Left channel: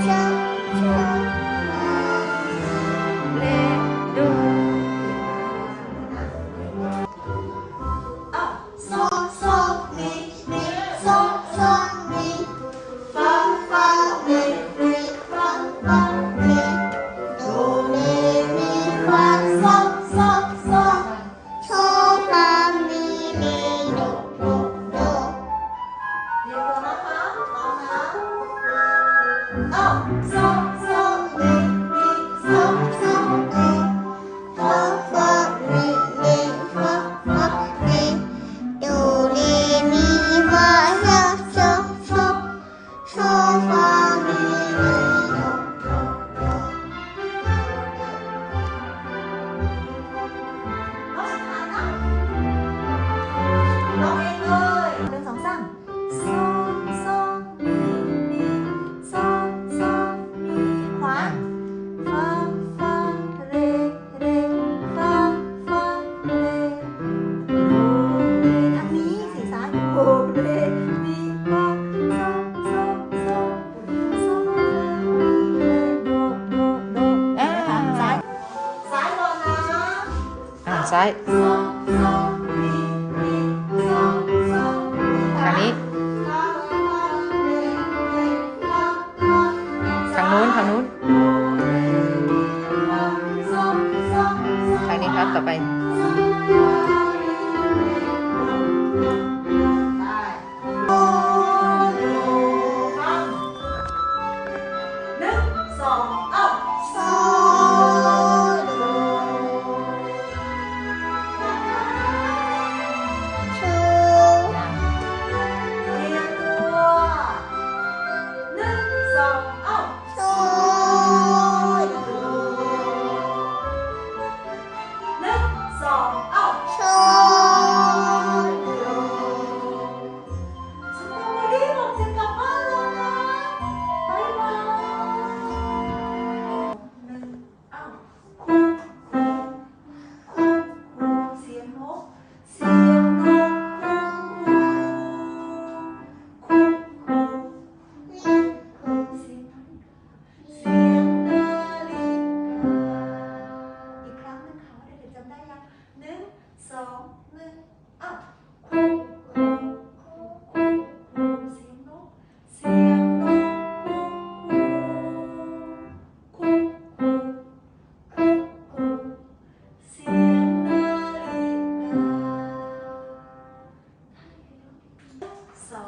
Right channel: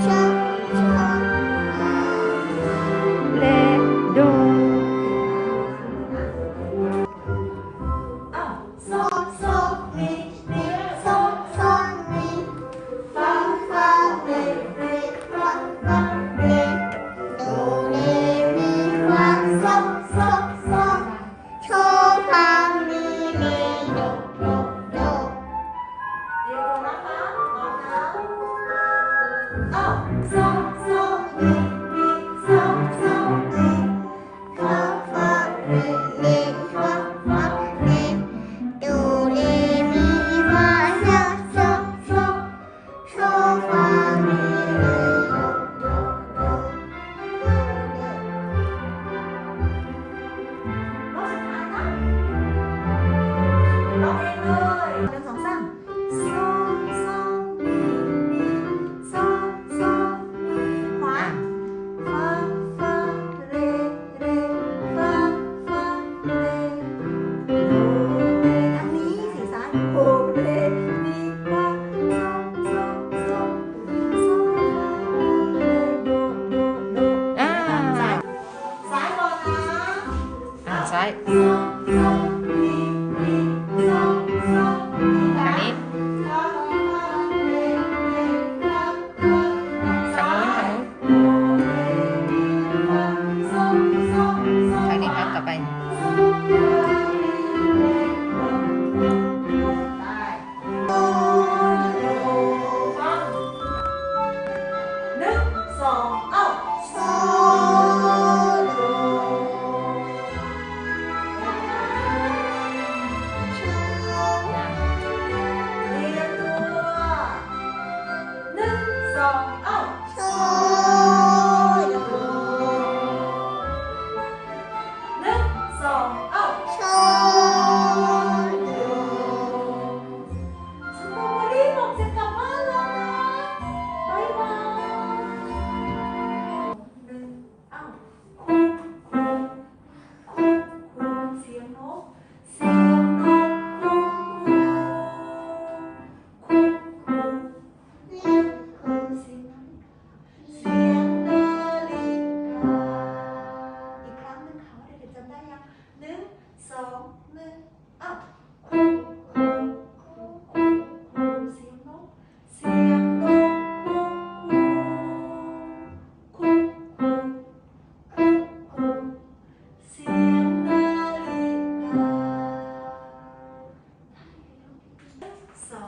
生 no. 走